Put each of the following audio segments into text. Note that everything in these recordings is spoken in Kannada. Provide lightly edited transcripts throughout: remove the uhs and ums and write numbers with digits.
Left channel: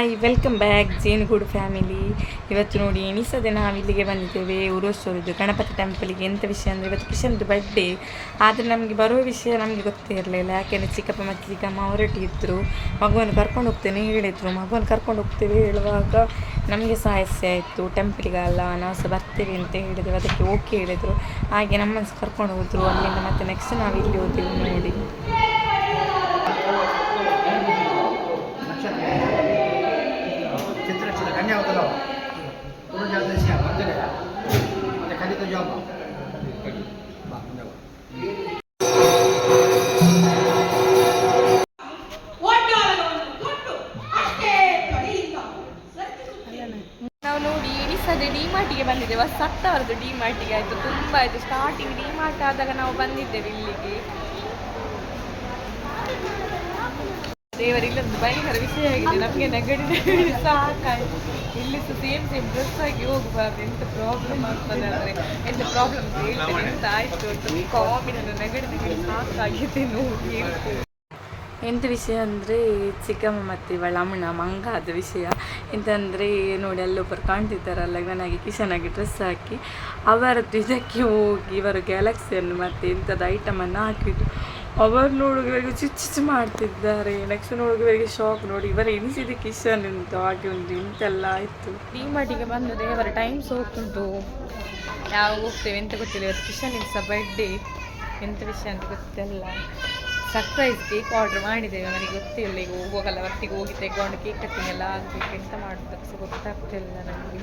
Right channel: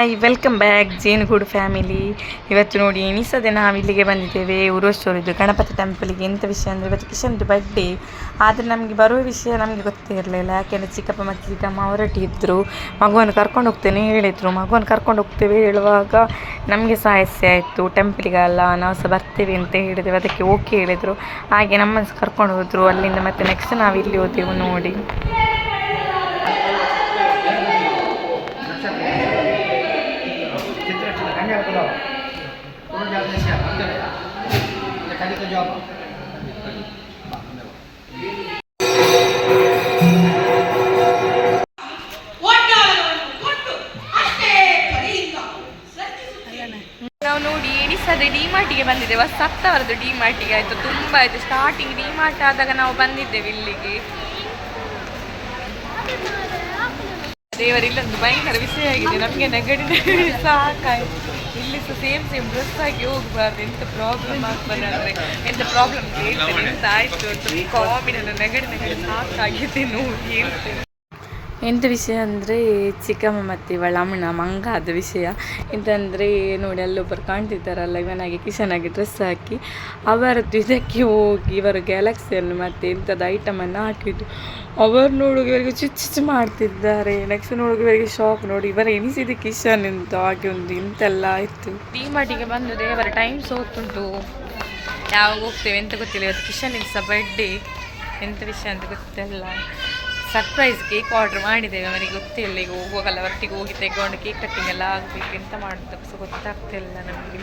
ಹಾಯ್ ವೆಲ್ಕಮ್ ಬ್ಯಾಕ್ ಜೇನುಗೂಡು ಫ್ಯಾಮಿಲಿ. ಇವತ್ತು ನೋಡಿ ಎಣಿಸದೆ ನಾವು ಇಲ್ಲಿಗೆ ಬಂದಿದ್ದೇವೆ ಉರುವಷ್ಟೋರಿದ್ದು ಗಣಪತಿ ಟೆಂಪಲಿಗೆ. ಎಂಥ ವಿಷಯ ಅಂದರೆ ಇವತ್ತು ಕಿಶನ್ದು ಬರ್ಡೇ. ಆದರೆ ನಮಗೆ ಬರುವ ವಿಷಯ ನಮಗೆ ಗೊತ್ತೇ ಇರಲಿಲ್ಲ. ಯಾಕೆಂದರೆ ಚಿಕ್ಕಪ್ಪ ಮತ್ತು ಚಿಕ್ಕಮ್ಮ ಹೊರಟಿದ್ದರು. ಮಗುವನ್ನು ಕರ್ಕೊಂಡು ಹೋಗ್ತೇನೆ ಹೇಳಿದರು. ಮಗುವನ್ನು ಕರ್ಕೊಂಡು ಹೋಗ್ತೇವೆ ಹೇಳುವಾಗ ನಮಗೆ ಸಮಸ್ಯೆ ಆಯಿತು. ಟೆಂಪಲಿಗಲ್ಲ ನಾವು ಸಹ ಬರ್ತೇವೆ ಅಂತ ಹೇಳಿದೆವು. ಅದಕ್ಕೆ ಓಕೆ ಹೇಳಿದರು. ಹಾಗೆ ನಮ್ಮನ್ನು ಕರ್ಕೊಂಡು ಹೋದರು. ಅಲ್ಲಿಂದ ಮತ್ತೆ ನೆಕ್ಸ್ಟ್ ನಾವು ಇಲ್ಲಿ ಹೋದೆವು ನೋಡಿ. ನಾವು ನೋಡಿ ಎಣಿಸದೆ ಡಿಮಾರ್ಟಿಗೆ ಬಂದಿದ್ದೇವೆ. 10,000 ಡಿಮಾರ್ಟಿಗೆ ಆಯಿತು. ತುಂಬ ಆಯಿತು. ಸ್ಟಾರ್ಟಿಂಗ್ ಡಿಮಾರ್ಟ್ ಆದಾಗ ನಾವು ಬಂದಿದ್ದೇವೆ ಇಲ್ಲಿಗೆ. ದೇವರು ಇಲ್ಲೊಂದು ಭಯಂಕರ ವಿಷಯ ಆಗಿದೆ. ನಮಗೆ ನೆಗಡಿ ಸಾಕಾಯಿತು. ಇಲ್ಲಿ ಸೇಮ್ ಡ್ರೆಸ್ ಆಗಿ ಹೋಗಬಾರ್ದು. ಎಂಥ ಪ್ರಾಬ್ಲಮ್ ಆಗ್ತದೆ ಅಂದರೆ ಎಂಥ ಪ್ರಾಬ್ಲಮ್ ಹೇಳ್ತೇನೆ. ಎಂತ ಆಯಿತು ಅಂತ ಕಾಮಿಡಿ ನೆಗಡಿ ಸಾಕಾಗಿದೆ ನೋಡಿ ಹೇಳ್ತೇನೆ. ಎಂಥ ವಿಷಯ ಅಂದರೆ ಚಿಕ್ಕಮ್ಮ ಮತ್ತು ಇವಳ ಅಮ್ಮನ ಮಂಗಾದ ವಿಷಯ. ಎಂತಂದರೆ ನೋಡಿ ಅಲ್ಲೊಬ್ಬರು ಕಾಣ್ತಿದ್ದಾರಲ್ಲ, ಇವನಾಗಿ ಕಿಶನಾಗಿ ಡ್ರೆಸ್ ಹಾಕಿ ಅವರದ್ದು ಇದಕ್ಕೆ ಹೋಗಿ ಇವರು ಗ್ಯಾಲಕ್ಸಿಯನ್ನು ಮತ್ತು ಎಂಥದ್ದು ಐಟಮನ್ನು ಹಾಕಿದ್ದು ಅವರು ನೋಡುವ ಇವರಿಗೆ ಚುಚ್ಚು ಮಾಡ್ತಿದ್ದಾರೆ. ನೆಕ್ಸ್ಟ್ ನೋಡುವ ಇವರಿಗೆ ಶಾಕ್. ನೋಡಿ ಇವರ ಎನಿಸಿದ ಕಿಶನ್ ಅಂತ ಹಾಗೆ ಒಂದು ಇಂತೆಲ್ಲ ಆಯಿತು. ಡಿಮಾರ್ಟಿಗೆ ಬಂದು ದೇವರ ಟೈಮ್ ಸೋತುಂಟು. ಯಾವಾಗ ಹೋಗ್ತೇವೆ ಎಂತ ಗೊತ್ತಿಲ್ಲ. ಇವತ್ತು ಕಿಶನ್ ಸಹ ಬರ್ಡೇ. ಎಂಥ ವಿಷಯ ಅಂತ ಗೊತ್ತಿಲ್ಲ. ಸರ್ಪ್ರೈಸ್ ಕೇಕ್ ಆರ್ಡ್ರ್ ಮಾಡಿದ್ದೇವೆ. ಅವನಿಗೆ ಗೊತ್ತಿಲ್ಲ. ಈಗ ಹೋಗೋಗಲ್ಲ ಒಟ್ಟಿಗೆ ಹೋಗಿ ತೆಗೊಂಡು ಕೇಕ್ ಕಟ್ಟಿಂಗ್ ಎಲ್ಲ ಆಗಬೇಕು. ಎಂತ ಮಾಡೋದು ಗೊತ್ತಾಗ್ತಿಲ್ಲ ನಮಗೆ.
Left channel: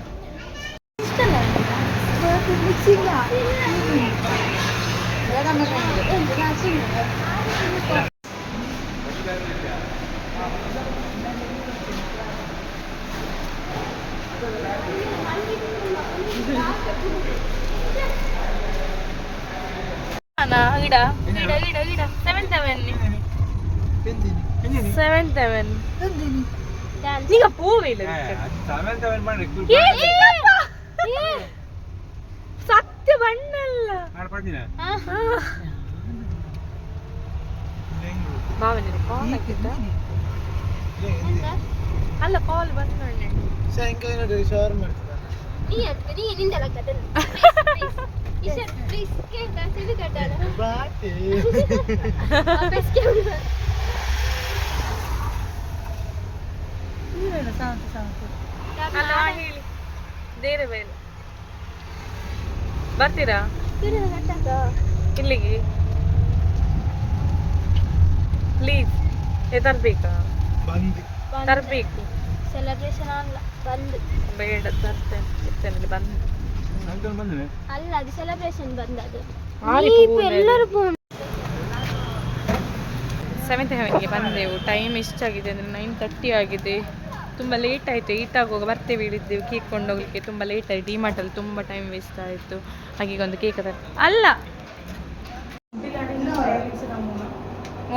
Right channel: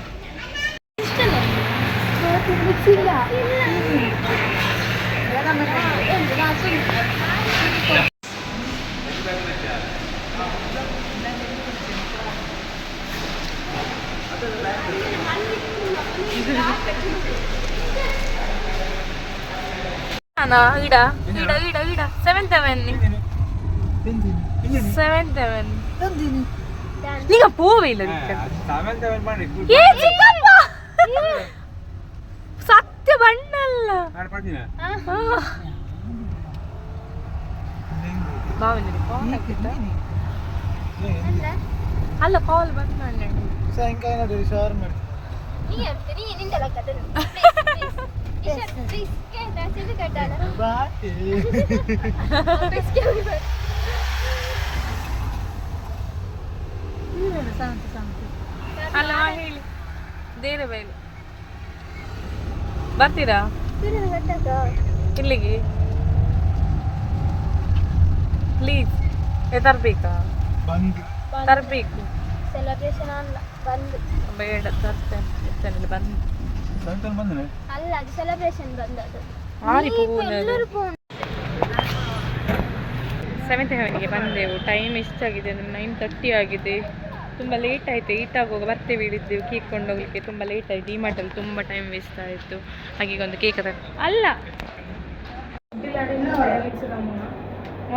ಇಡ 7 ನೀಗ ಪೂವೇ ಇಲ್ಲ ಸತ್ಯ ಬಣ್ಣಲ್ಲ ಬಾವನಿಗೆ ಕಾಲ್ ಹಾಕಿದ್ದ ಅಲ್ಲ ಕಾಲ್ ಬಂದ ಅಲ್ಲ ಹೇಳಿ ದೇರೆ ಬೈಲು ಬರ್ತೀರಾ ಇಲ್ಲಿಗೆ ಪ್ಲೀಸ್. ತರಬೇಕಾ? ತರಬೇಕು. ಸೆಲೆಬ್ರೇಷನ್ ಬೇಡ ತರ್ತೇನೆ. ಬಂದು ಅಲ್ಲ ಅದು ಸೆಲೆಬ್ರೇಷನ್ ಬಂದದ್ದು. 7th ಹೆವನಿಗೆ ಬಂದೆವು. ಟೈಮ್ ಎಷ್ಟಾಗಿದೆ ಅಂದರೆ 9:30 ಆಗಿದೆ. ತುಂಬ ಲೇಟ್ ಆಯಿತು. ಆಗುವಾಗ ಬರ್ತೇವೆ ಹೇಳಿದ್ದೆವು ಕೇಕ್ ಕೊಂಡೋಗ್ಲಿಕ್ಕೆ. ತುಂಬ ಲೇಟ್ ಆಯಿತು. ಡಿಮಾರ್ಟಲ್ಲಿ ತುಂಬ ಟೈಮ್ ವೇಸ್ಟ್ ಆಯಿತು. ಹಾಗೆ ಒಂದು ಕೇಕ್ ಅಲ್ಲ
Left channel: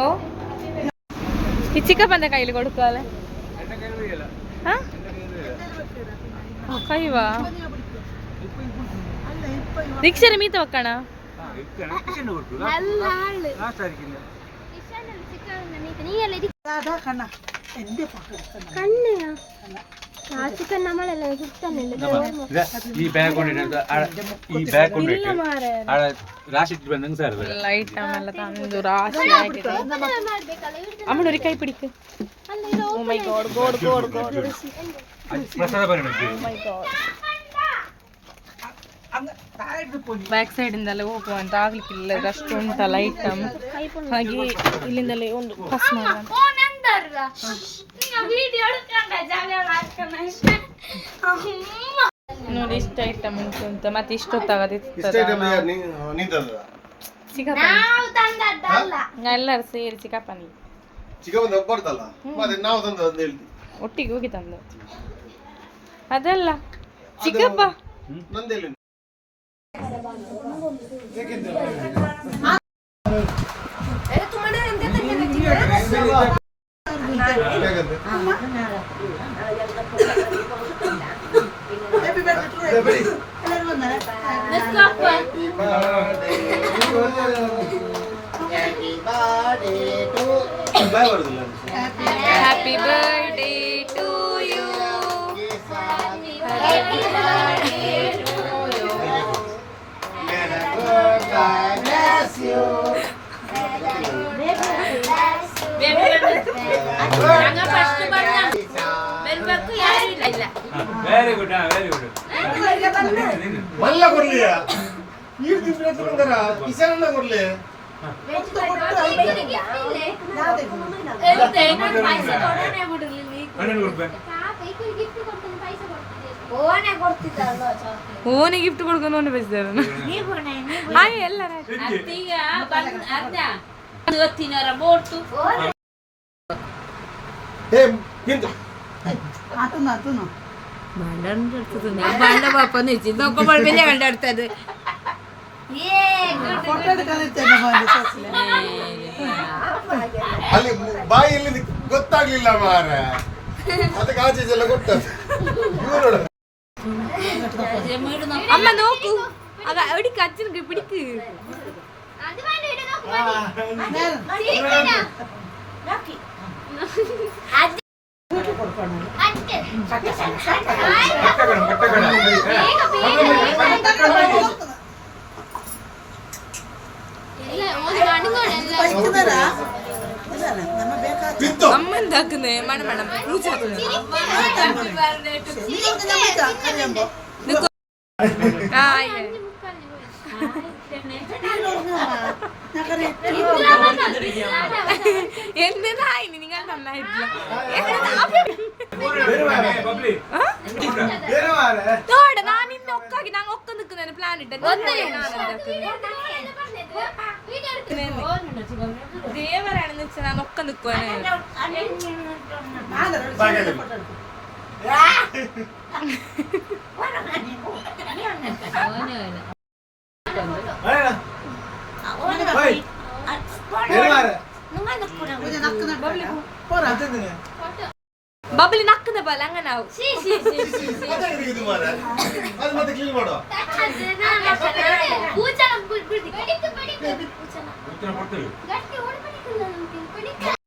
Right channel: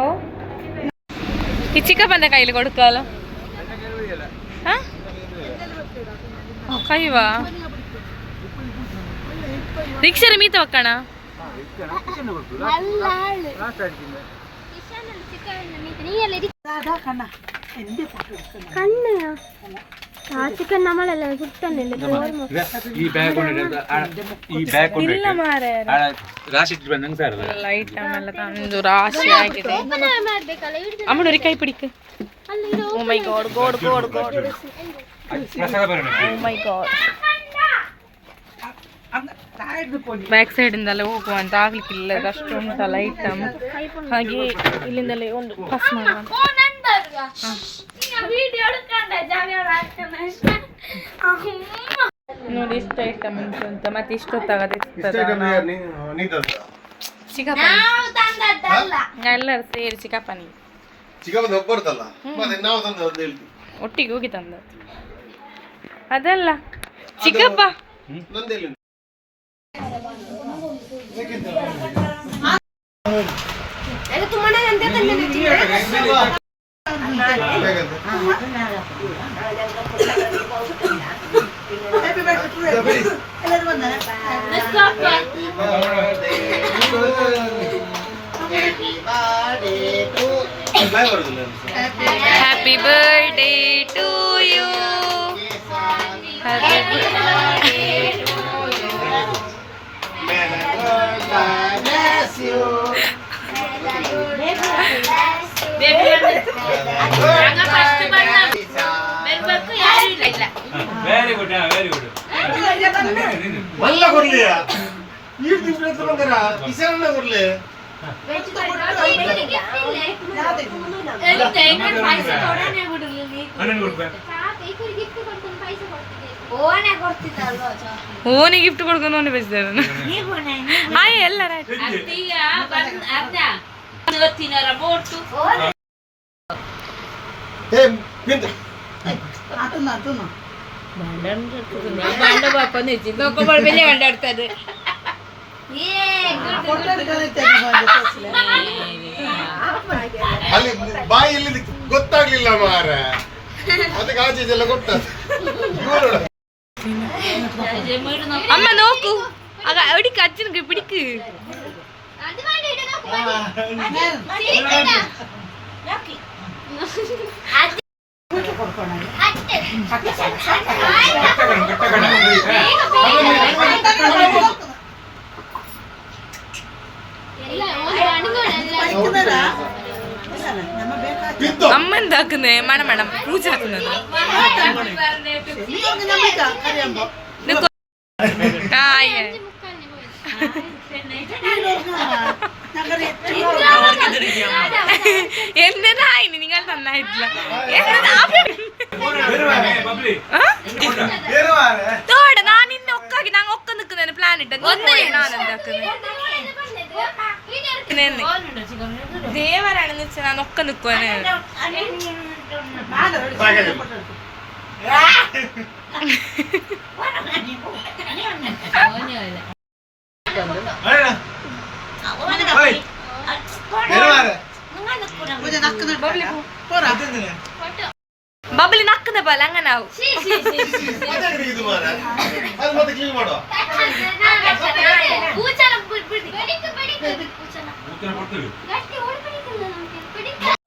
ಓ ಈ ಚಿಕ್ಕಪ್ಪನ ಕೈಲಿ ಕೊಡ್ಕಲ್ಲ. ಹಾಂ ಕೈವಾ ರಿಕ್ಷಾರ ಮೀತ ಒಕ್ಕಣ ಐಟಮ್ ಎಲ್ಲ ತಂದು ರಾಶಿ ಆಗಿದೆ. ಅಮ್ಮನವ್ರಿಗೆ ಕೈ ಪಿಡಿಕ. ಓ ಮೈ ಗಾಡ್ ಗೋಡ್ ಗೋಡ್ ಗೋಡ್ ಓ ಮೈ ಗಾಡ್. ಬ್ಯಾಕ್ ಸೈಡಿಂದಲೇ ಹೋಗುವಂತ ಆಗ್ಲಿಕ್ಕಿಲ್ಲ. ಅಷ್ಟು ಉಂಟಲ್ಲ ಐಟಮ್. ಹಾಗೆ ಇಲ್ಲಿಂದಲೇ ಒಂದು ಪಾಸ್ ಮಾಡುವಂತ ನೋಡಿ ಇಷ್ಟ ಐಟಮ್ ಉಂಟು ಅಂತ. ಮತ್ತೆ ಇಷ್ಟೊತ್ತಾಗದೆ ಎಲ್ಲರೂ ಸೇರಿ ಚಿಕ್ಕಪ್ಪನಿ ಒಟ್ಟಿಗೆ ಹೋಗಿ ತಂದ ಅದಲ್ಲ ಚಿಕ್ಕಪ್ಪ. Happy birthday to you. Very good very good ಮಲ್ಲ ಕೊಡ್ಲಿಯ ನೀವು ತಿಂಗಳ ಕಿಸರನ್ನ ಕೊಡ್ಲಿ ಓನಿ ಗಿಫ್ಟ್ ಕೊಡ್ಕೊಂಡು ಓನಿ ಬಯಸಿದಾರ ಹಾಯ್ ಎಲ್ಲರ ಅಲ್ಲಿ ಬಾಯಲ್ಲಿ ಗೊತ್ತಾಗ್ಲಿಲ್ಲ ಮಾರ ಮತ್ತೆ ಕಾಚೆಲ್ಲ ಗೊತ್ತದ ಅಮ್ಮ ನೋಕು ಆಗ ಅಡಿಕೆ ಅಜ್ಜನಿಗೆ ಬಿಡಿಕು ಅಮ್ಮಂದು ಹಾಕುನೆ ಮಣ ಮಣ ಪೂಜೆ ಹಾಕುന്നത് എന്തായി നിങ്ങൾ നന്നായിട്ടില്ല തോട ഞാൻ ഇന്ന് ഒക്കാക്കി ഞാൻ ഒക്കെ നിൽക്കുന്നതിന് പ്ലാൻ ഇട്ട ഞാൻ എന്താക്കുന്നത് ദേവരാണെന്ന് വെച്ചാൽ ഞാൻ ഒക്കെ നിൽക്കുവാണ് ബബിളി നക്കുന്ന പോലെ അങ്ങനെ ആവും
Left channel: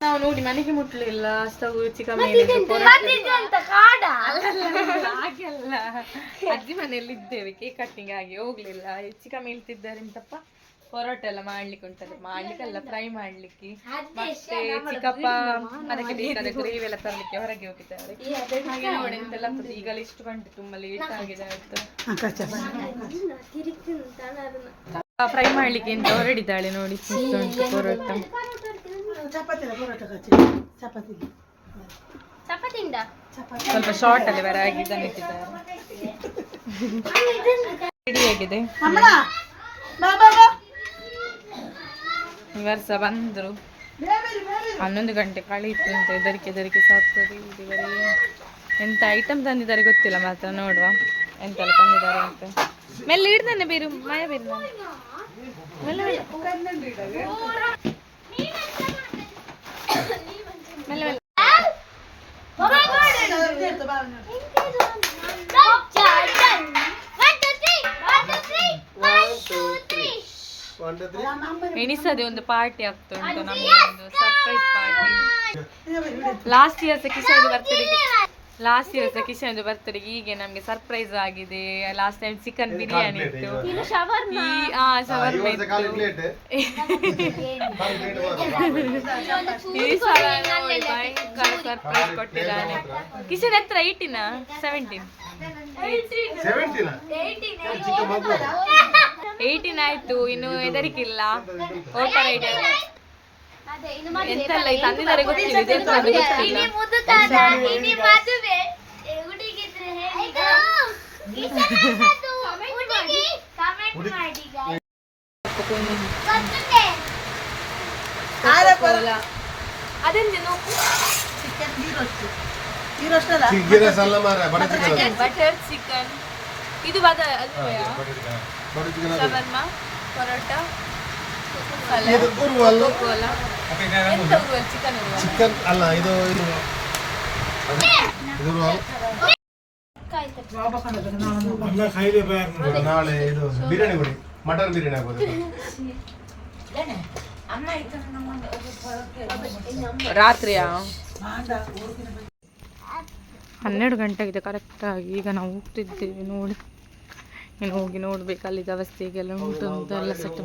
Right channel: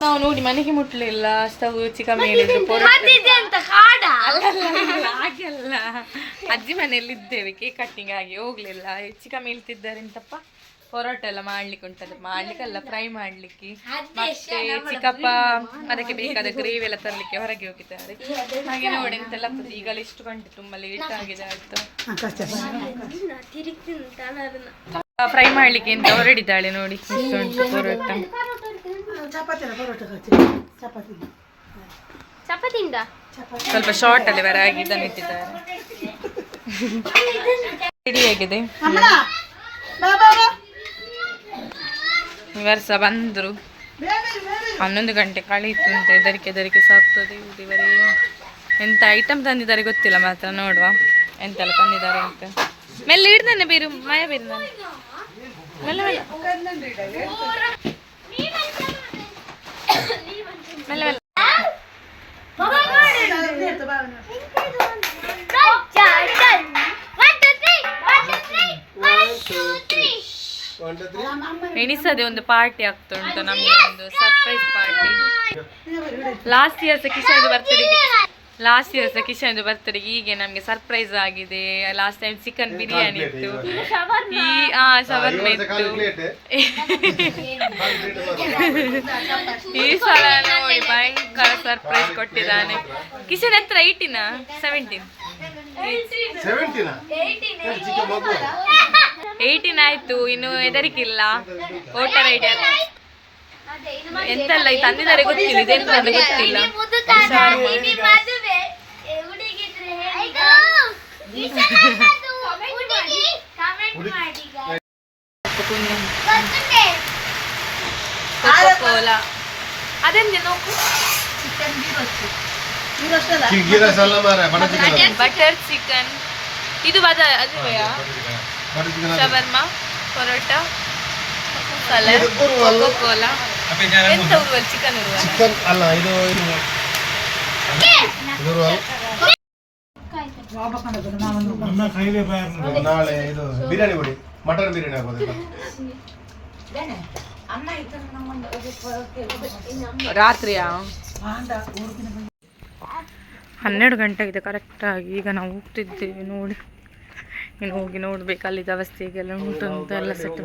ನಾವು ನೋಡಿ ಮನೆಗೆ ಮುಟ್ಲಿಲ್ಲ ಸ್ಟವ್ ಚಿಕನ್ ಮೇಲೆ ಹಾಗೆಲ್ಲ ಅಜ್ಜಿ ಮನೆಯಲ್ಲಿ ಇದ್ದೇವೆ ಕೇಕ್ ಕಟ್ಟಿಂಗ್ ಆಗಿ ಹೋಗ್ಲಿಲ್ಲ ಚಿಕನ್ ಮೇಲ್ತಿದ್ದಾರೆ ಅಂತಪ್ಪ ಪರೋಟ ಎಲ್ಲ ಮಾಡ್ಲಿಕ್ಕೆ ಉಂಟದು ಮಾಡ್ಲಿಕ್ಕಲ್ಲ ಫ್ರೈ ಮಾಡ್ಲಿಕ್ಕೆ ಮತ್ತೆ ಚಿಕ್ಕಪ್ಪ ಅದಕ್ಕೆ ಬೇಕಾದ ಗ್ರೇವಿ ಎಲ್ಲ ತರಲಿಕ್ಕೆ ಹೊರಗೆ ಹೋಗಿದ್ದಾರೆ ಹಾಗೆ ನೋಡಿ ಎಂತೆಲ್ಲ ಈಗಲೇ ಇಷ್ಟು ಗಂಟೆ ತುಂಬಾ ಲೇಟ್ ಆಗಿದೆ ಆಯ್ತು ಫ್ರೈ ಮಾಡ್ಲಿಕ್ಕೆ ಅಂತ ಹೊರಡಿದ್ದಾಳೆ ನೋಡಿ ಇಷ್ಟು ಉಂಟು ಪರೋಟ ಸ್ವಲ್ಪ ಶಾರ್ಟ್ ಅಲ್ಲಿ ಹೊರಗೆ ಇದನ್ನು ಇಟ್ಟಿದ್ದಾರೆ ರೆಡಿ ಆಗಿದೆ ವರ್ಷ ಬಂದರು 11 ಗಂಟೆ ಕಳೀತು ಅಂತ ಹೆದರಿಕೆ ಸಾಕ್ತದೆ ಇವರೇ ಎಂತ ಐಟಮ್ ತಂದಿದ್ದಾರೆ ಗೊತ್ತಿಲ್ಲ ಮಾತ್ರ ನೋಡುವ ಎಂತೆಲ್ಲ ತಂದಿದ್ದಾರೆ ಅಂತ ಮೆಲ್ಲ ಹಿಡ್ದಾನೆ ಬೀರು ಮಯ ಬೀರು ನಾನು ಮೆಲ್ಲ ಮೆಲ್ಲ ಮೆಲ್ಲ ಮೆಲ್ಲ ಎಣಿಸದೆ ಒಂದು ಪಾರ್ಟಿ ಆಗ್ತಾ ಉಂಟು ನಮ್ಗೆ ಒಂದು surprise party last years Kishan ಬರ್ತಡೆಗೆ ಹೀಗೆ ನಮ್ಗೆ ಸರ್ಪ್ರೈಸ್ ಆಗಿದೆ ಲಾಸ್ಟ್ ಟೈಮ್ ಚಿಕನ್ ಬಿರಿಯಾನಿ ಇತ್ತು ಶವರ್ಮ ಇತ್ತು ಈ ಸಲ ನೋಡಿ ಭಯಂಕರ ಸರ್ಪ್ರೈಸ್ ಕೊಟ್ಟಿದ್ದಾನೆ ಕಿಶನ್ ಹತ್ರ 18 ಆಯ್ತು ಇನ್ನು ಹೆದರಿಕಿಲ್ಲ ವೋಟರ್ ಐಡಿ ಎಂತೆಲ್ಲ ತಂದಿದ್ದಾರೆ ಗೊತ್ತಿಲ್ಲ ಇದೆಂತ ಗೊತ್ತಿಲ್ಲ ಕೋಲಾ ಅದೆಂದೆ ನೋಕು ಬಟರ್ ಚಿಕನ್ ಇದು ಶವರ್ಮ ಪರೋಟ ಕೋಲಾ ಎಂತ ಚಿಕನ್ ಅಲ್ಲ ಇದು ನಾಳೆ ಇದು ಬಿರಿಯಾನಿ ಬಿಡಿ ಮಟನ್ ಬಿರಿಯಾನಿ ಆಗೋದು ರಾತ್ರಿಯಾ 12 ಗಂಟೆ ಆಗಿದೆ ಕರೆಕ್ಟಾಗಿ. ಈಗ ನಾವು ಹೋಗ್ತಿದ್ದೇವೆ ನೋಡಿ. ಇನ್ನು ಹೋಗಿ ನೋಡ್ಬೇಕು ಅಲ್ಲಿದ್ದ ಅವಸ್ಥೆ ಹೇಗೆಲ್ಲ ಉಂಟು ಅಂತ ಎಲ್ಲ ಸೆಟ್.